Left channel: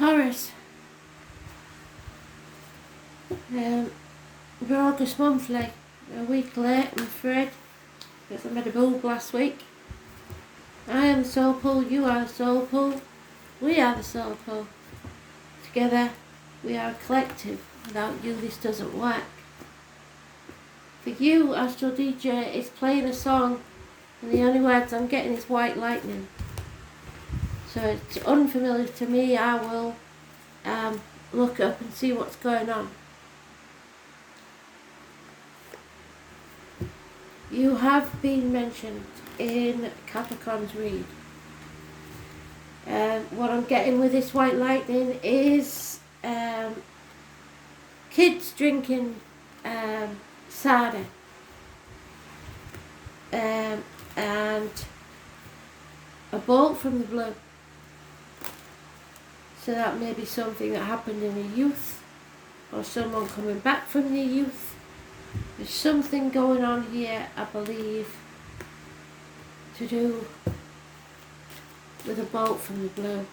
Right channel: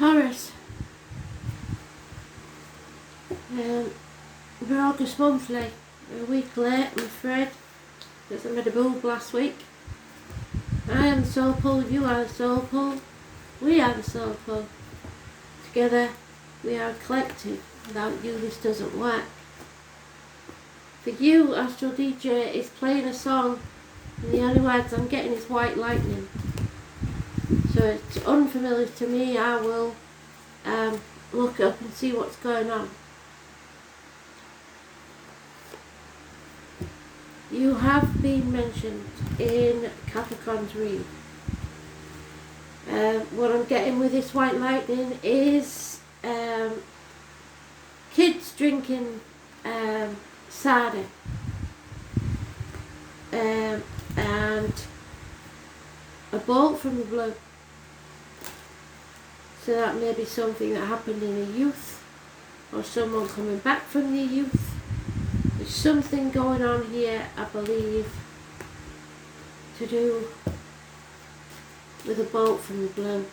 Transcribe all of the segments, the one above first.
Taurus. We're August monthly. A week late, I'm afraid, because I made a boob last week. I am the soul pool, you are the soul pool, we are the soul pool. Together, we are a collective. Without you, this doesn't work. For you, Astral DJ is playing a song, and the only words I'm getting is white lightning. So it's unfamiliar to me. I will look up and see what's going on. You have been mentioned in Capricorn's read. What I'm getting with this white lightning is kids drinking cider and a bolt from the blue. So that may be something that happened in the youth, or someone coming back from the youth. There's something going on here, I believe, to do with a bolt from the blue.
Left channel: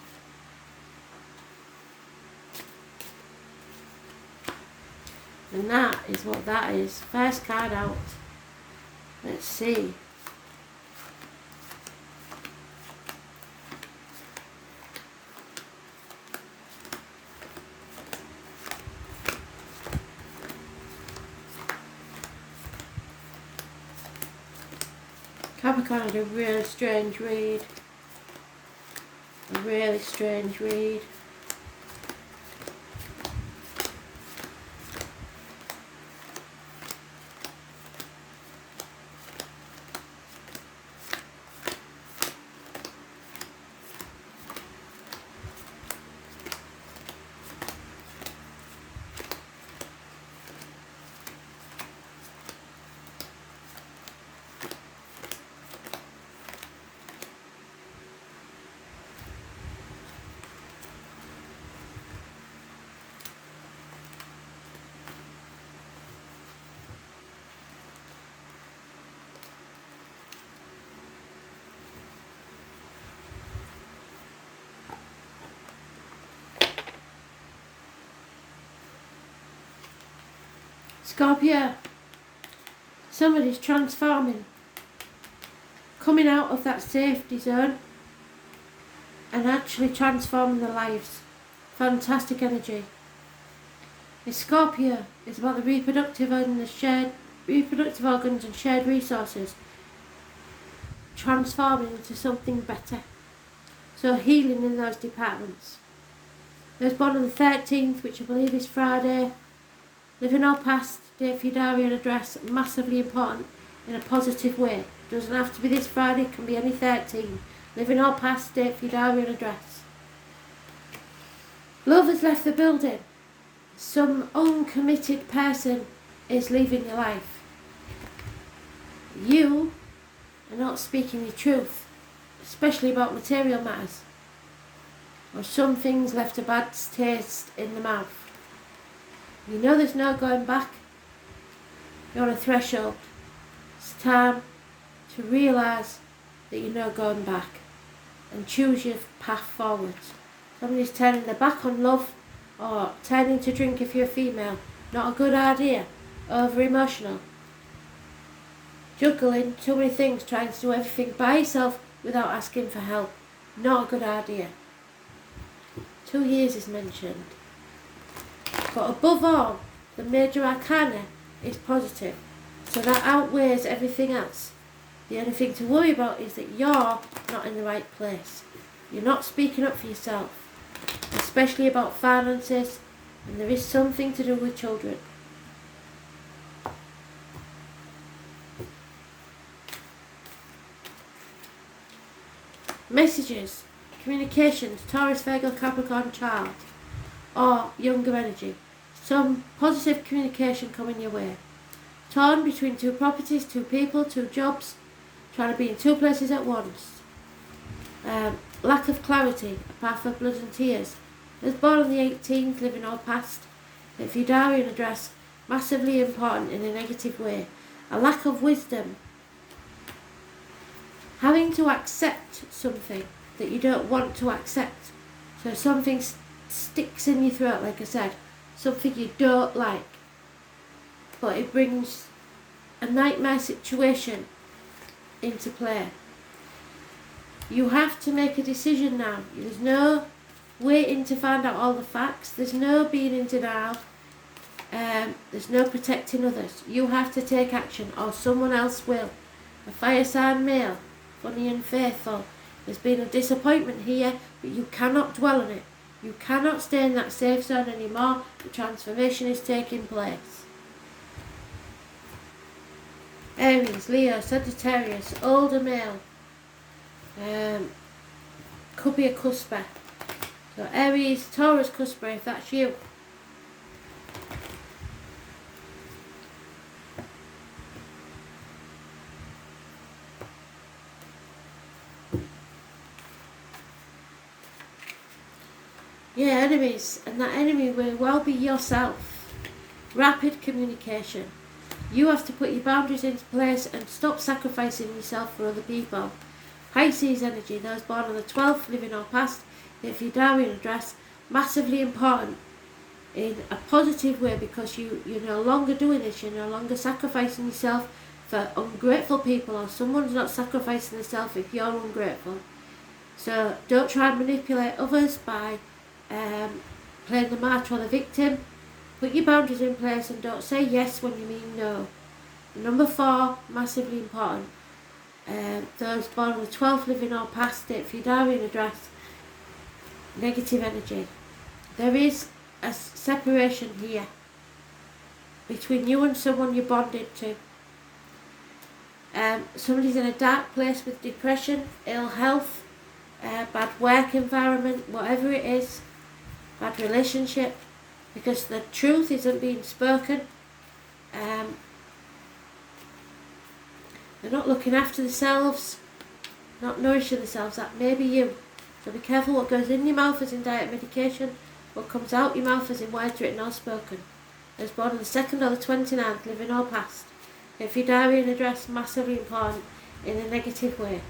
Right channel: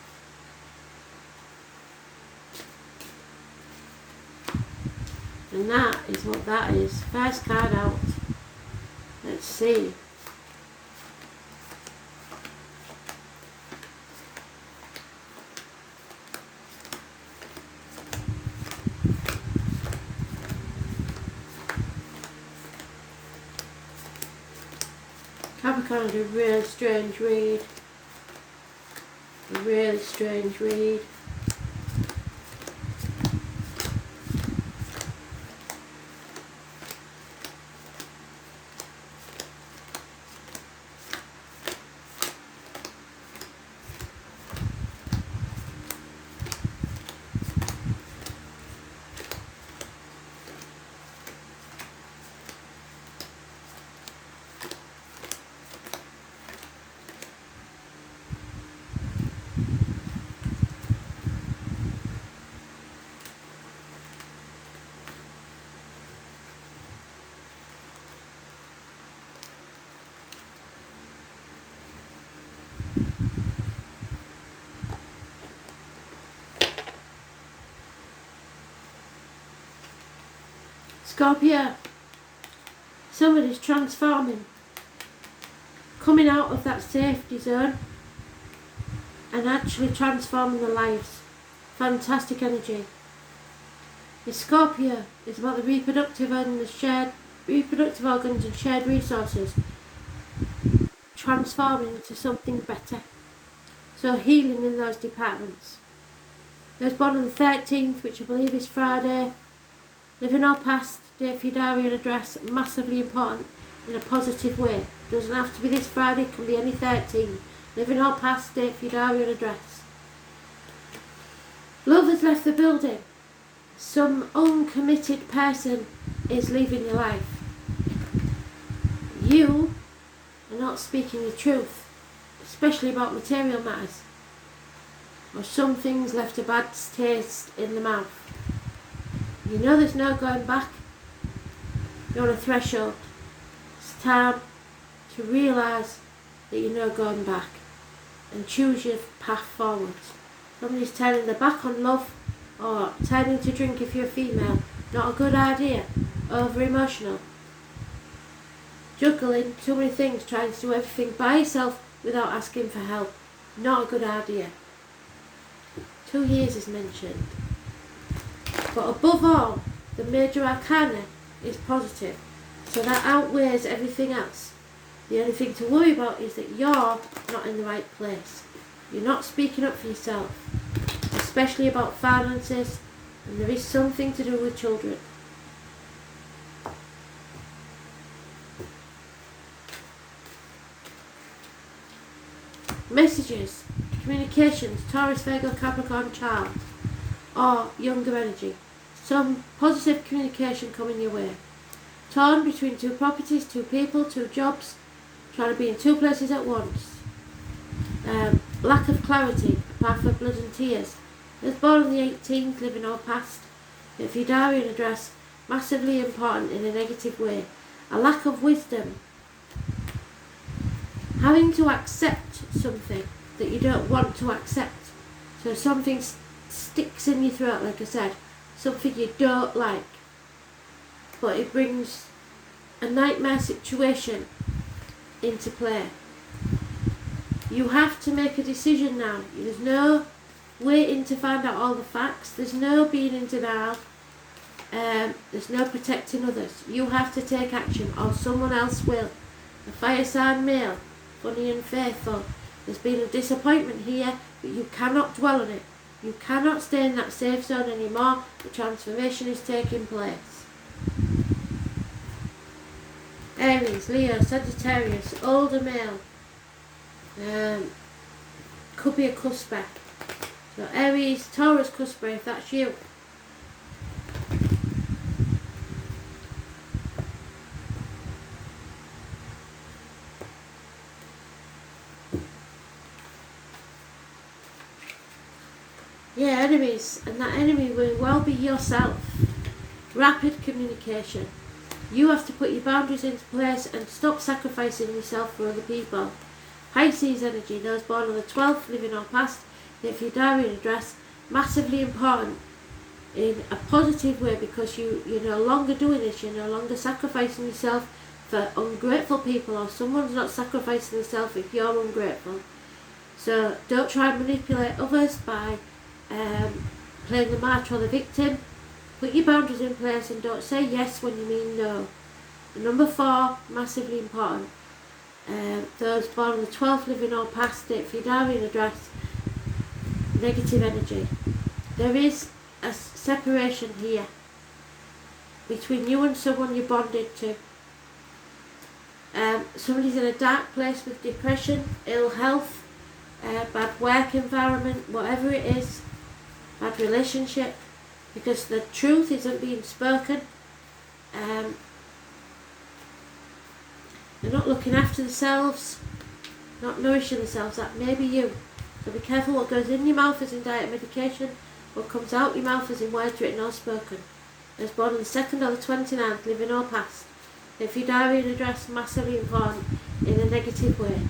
And that is what that is. First card out. Let's see. Capricorn is a really strange read. A really strange read. Scorpio, somebody's transforming, coming out of that safety zone and actually transforming their lives. Fantastic energy. The Scorpio is about the reproductive and the shared reproductive organs and shared resources transforming into something better. So healing in those departments. There's one on the 13th, which I believe is Friday. Living our past, date for your diary and address, massively important in a positive way. Doesn't have to be this Friday, it can be any 13. Living our past, date for your diary and address. Love has left the building. Some uncommitted person is leaving your life. You are not speaking your truth, especially about material matters. Or some things left a bad taste in the mouth. You know there's no going back. You're on a threshold. It's time to realise that you're no going back and choose your path forward. Somebody's turning their back on love or turning to drink if you're a female. Not a good idea. Over emotional. Juggling too many things, trying to do everything by yourself without asking for help. Not a good idea. 2 years is mentioned. But above all, the major arcana is positive, so that outweighs everything else. The only thing to worry about is that you're not in the right place. You're not speaking up for yourself, especially about finances, and there is something to do with children. Messages, communications, Taurus, Virgo, Capricorn, child, or younger energy. Some positive communication coming your way. Torn between 2 properties, 2 people, 2 jobs, trying to be in 2 places at once. Lack of clarity, a path of blood and tears. Was born on the 18th, living all past. If your diary and address, massively important in a negative way. A lack of wisdom. Having to accept something that you don't want to accept. So something's sticks in your throat, like I said, something you don't like, but it brings a nightmare situation into play. You have to make a decision now. There's no waiting to find out all the facts. There's no being in denial. There's no protecting others. You have to take action or someone else will. A fire sign male, funny and faithful. There's been a disappointment here, but you cannot dwell on it. You cannot stay in that safe zone anymore. The transformation is taking place. Aries, Leo, Sagittarius, older male. Could be a cusper. So Aries, Taurus, cusper, if that's you. Yeah, enemies, and that enemy will well be yourself. Rapid communication. You have to put your boundaries into place and stop sacrificing yourself for other people. Pisces energy, those born on the 12th, living or past, if your diary address, massively important in a positive way, because you're no longer doing this, you're no longer sacrificing yourself for ungrateful people, or someone's not sacrificing themselves if you're ungrateful. So don't try and manipulate others by playing the martyr or the victim. Put your boundaries in place and don't say yes when you mean no. And number 4, massively important. Those born on the 12th, living or past, date for your diary and address, negative energy. There is a separation here between you and someone you're bonded to. Somebody's in a dark place with depression, ill health, bad work environment, whatever it is, bad relationship, because the truth isn't being spoken. They're not looking after themselves, not nourishing themselves. That may be you. So be careful what goes in your mouth as in diet medication, what comes out your mouth as in words written or spoken. As born on the 2nd or the 29th, living or past. If your diary and address, massively important in a negative way.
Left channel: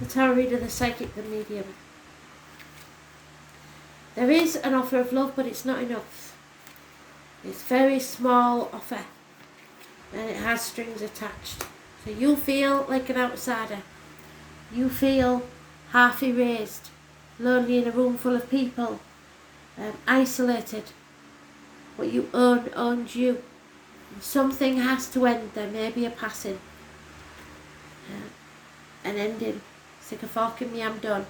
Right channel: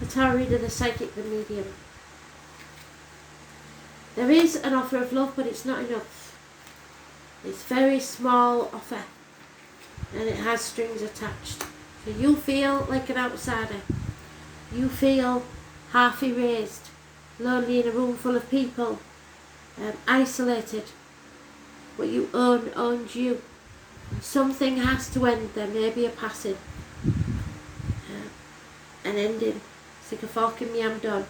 The tarot reader, the psychic, the medium. There is an offer of love, but it's not enough. It's a very small offer, and it has strings attached. So you feel like an outsider. You feel half erased, lonely in a room full of people, isolated. What you owns you. And something has to end. There may be a passing, an ending. It's like a fork in me, I'm done.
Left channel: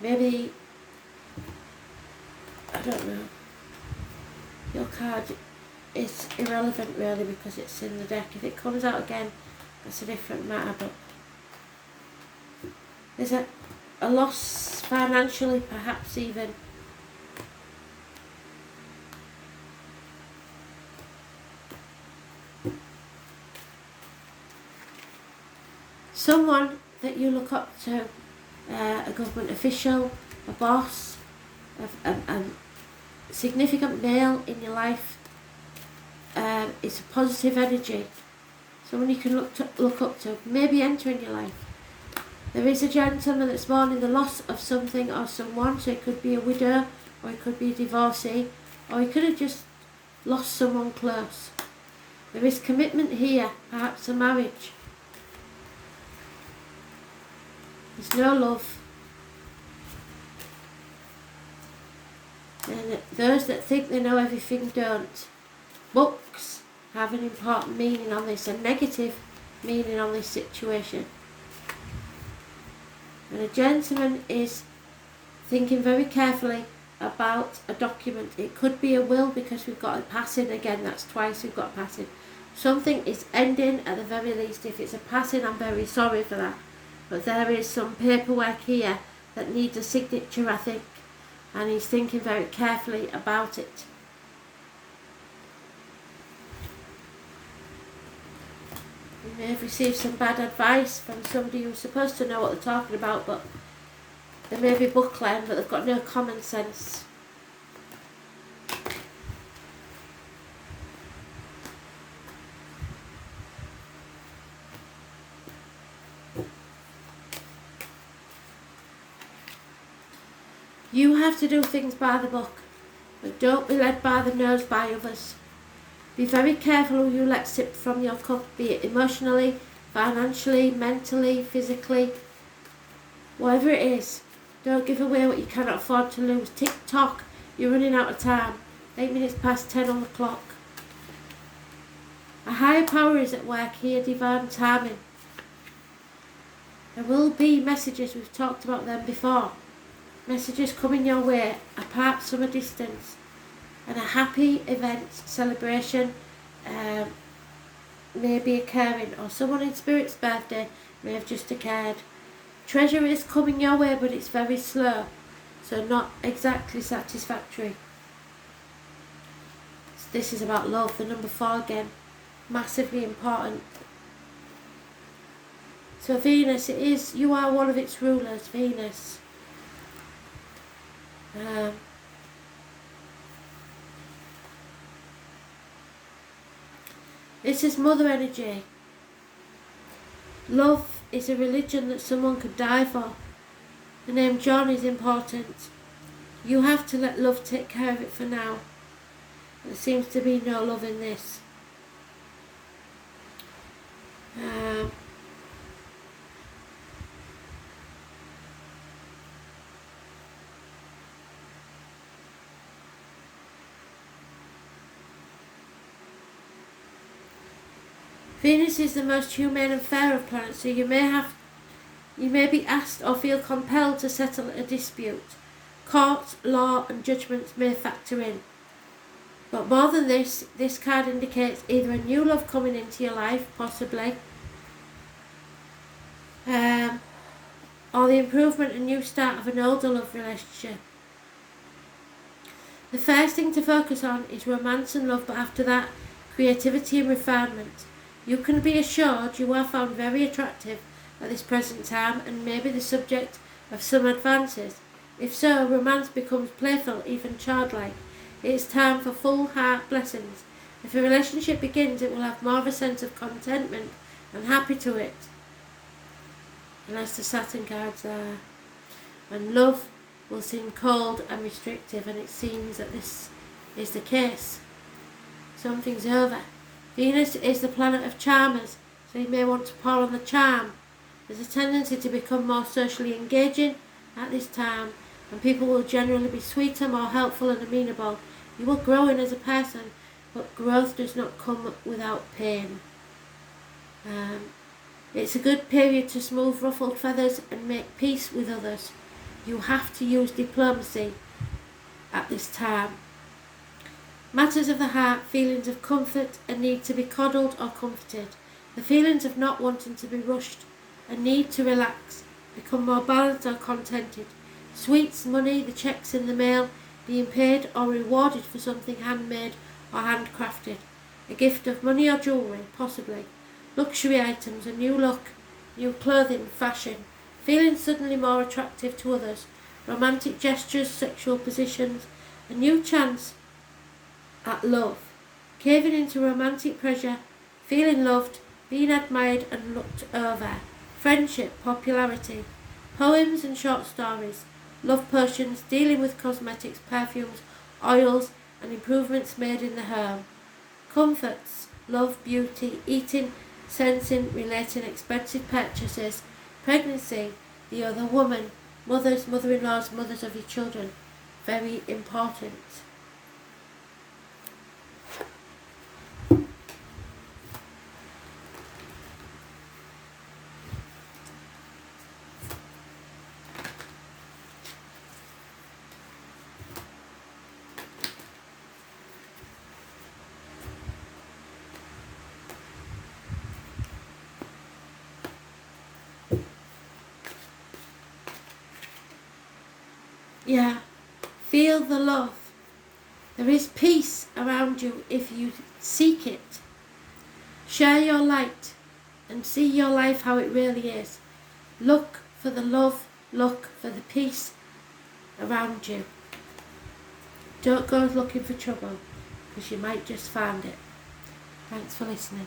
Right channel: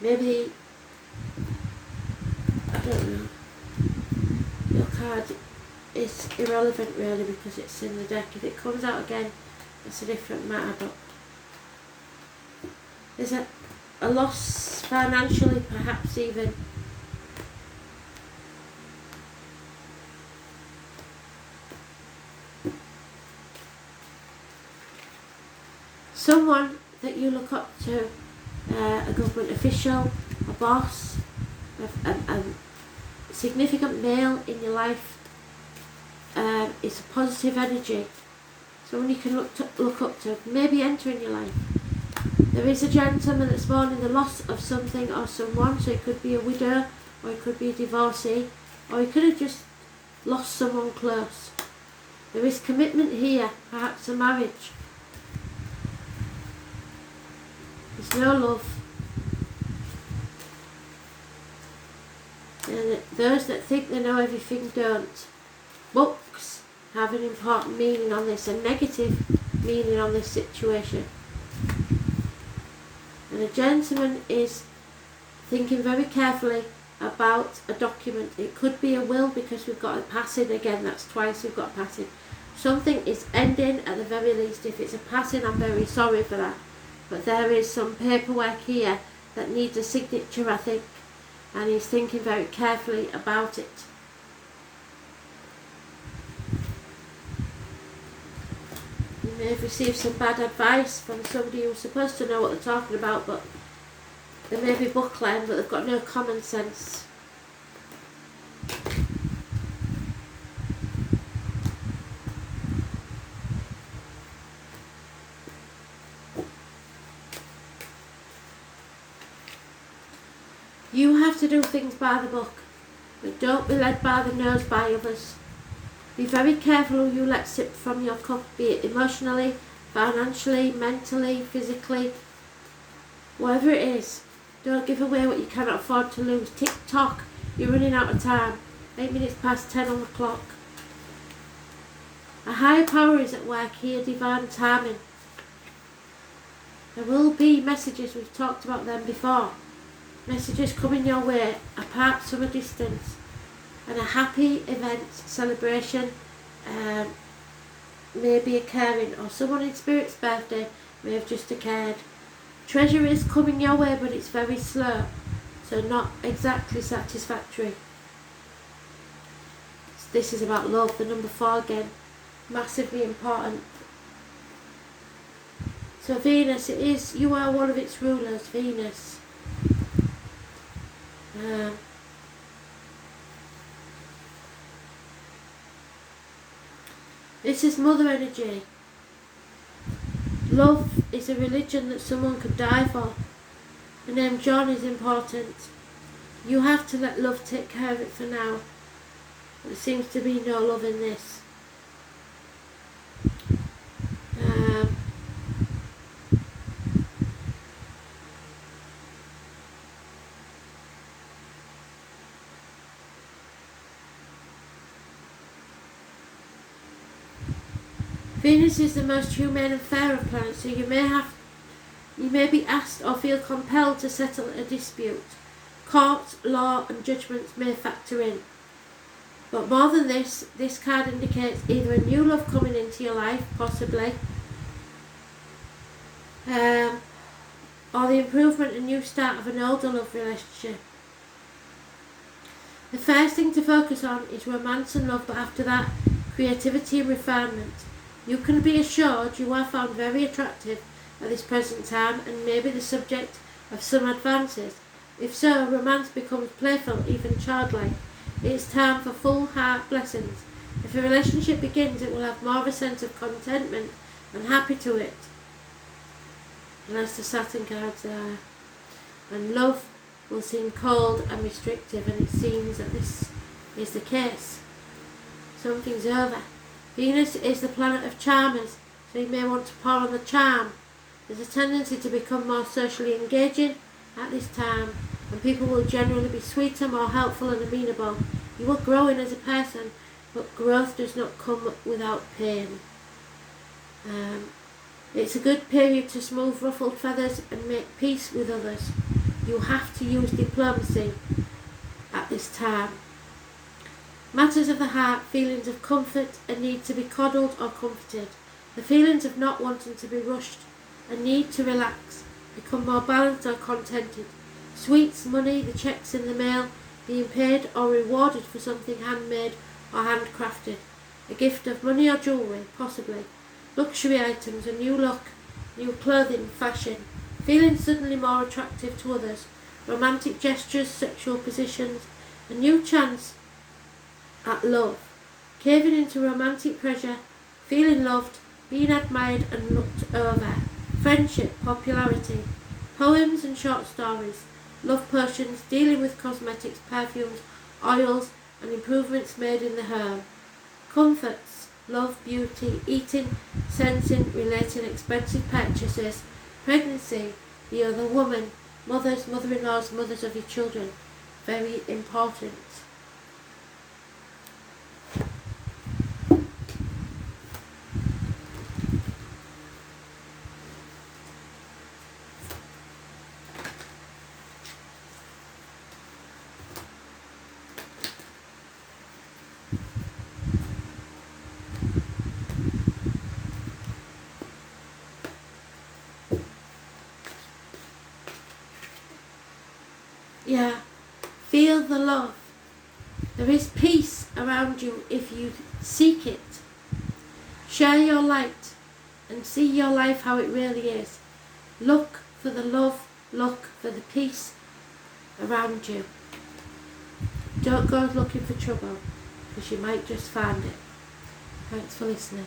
Maybe, I don't know, your card is irrelevant really because it's in the deck. If it comes out again, it's a different matter, but there's a loss financially, perhaps even. Someone that you look up to, a government official, a boss, a significant male in your life, it's a positive energy. Someone you can look up to, maybe entering your life. There is a gentleman that's born in the loss of something or someone, so it could be a widow, or it could be a divorcee, or he could have just lost someone close. There is commitment here, perhaps a marriage. There's no love. And those that think they know everything don't. Books have an important meaning on this, a negative meaning on this situation. And a gentleman is thinking very carefully about a document. It could be a will because we've got a passing again, that's twice we've got a passing. Something is ending at the very least. If it's a passing, I'm very sorry for that. But there is some paperwork here that needs a signature, I think, and he's thinking very carefully about it. You may have received some bad advice from somebody who's supposed to know what they're talking about, but they may be book-learned, but they've got no common sense. You have to do things by the book, but don't be led by the nose by others. Be very careful who you let sip from your cup, be it emotionally, financially, mentally, physically, whatever it is. Don't give away what you cannot afford to lose. Tick tock, you're running out of time. 8 minutes past 10 on the clock. A higher power is at work here, divine timing. There will be messages, we've talked about them before. Messages coming your way, apart from a distance. And a happy event, celebration may be occurring, or someone in spirit's birthday may have just occurred. Treasure is coming your way, but it's very slow, so not exactly satisfactory. This is about love, the number 4 again, massively important. So Venus, it is, you are one of its rulers, Venus. This is mother energy. Love is a religion that someone could die for. The name John is important. You have to let love take care of it for now. There seems to be no love in this. Venus is the most humane and fair of planets, so you may be asked or feel compelled to settle a dispute. Court, law and judgments may factor in. But more than this card indicates either a new love coming into your life, possibly, or the improvement and new start of an older love relationship. The first thing to focus on is romance and love, but after that, creativity and refinement. You can be assured you are found very attractive at this present time and may be the subject of some advances. If so, romance becomes playful, even childlike. It is time for full heart blessings. If a relationship begins, it will have more of a sense of contentment and happy to it. And as the Saturn cards there. And love will seem cold and restrictive, and it seems that this is the case. Something's over. Venus is the planet of charmers, so you may want to pour on the charm. There's a tendency to become more socially engaging at this time, and people will generally be sweeter, more helpful and amenable. You will grow in as a person, but growth does not come without pain. It's a good period to smooth ruffled feathers and make peace with others. You have to use diplomacy at this time. Matters of the heart, feelings of comfort, a need to be coddled or comforted. The feelings of not wanting to be rushed, a need to relax, become more balanced or contented. Sweets, money, the checks in the mail, being paid or rewarded for something handmade or handcrafted. A gift of money or jewellery, possibly. Luxury items, a new look, new clothing, fashion. Feeling suddenly more attractive to others. Romantic gestures, sexual positions, a new chance at love. Caving into romantic pleasure, feeling loved, being admired and looked over. Friendship, popularity. Poems and short stories. Love potions, dealing with cosmetics, perfumes, oils and improvements made in the home. Comforts, love, beauty, eating, sensing, relating, expensive purchases. Pregnancy, the other woman. Mothers, mother-in-laws, mothers of your children. Very important. Yeah, feel the love. There is peace around you if you seek it. Share your light and see your life how it really is. Look for the love, look for the peace around you. Don't go looking for trouble, because you might just find it. Thanks for listening.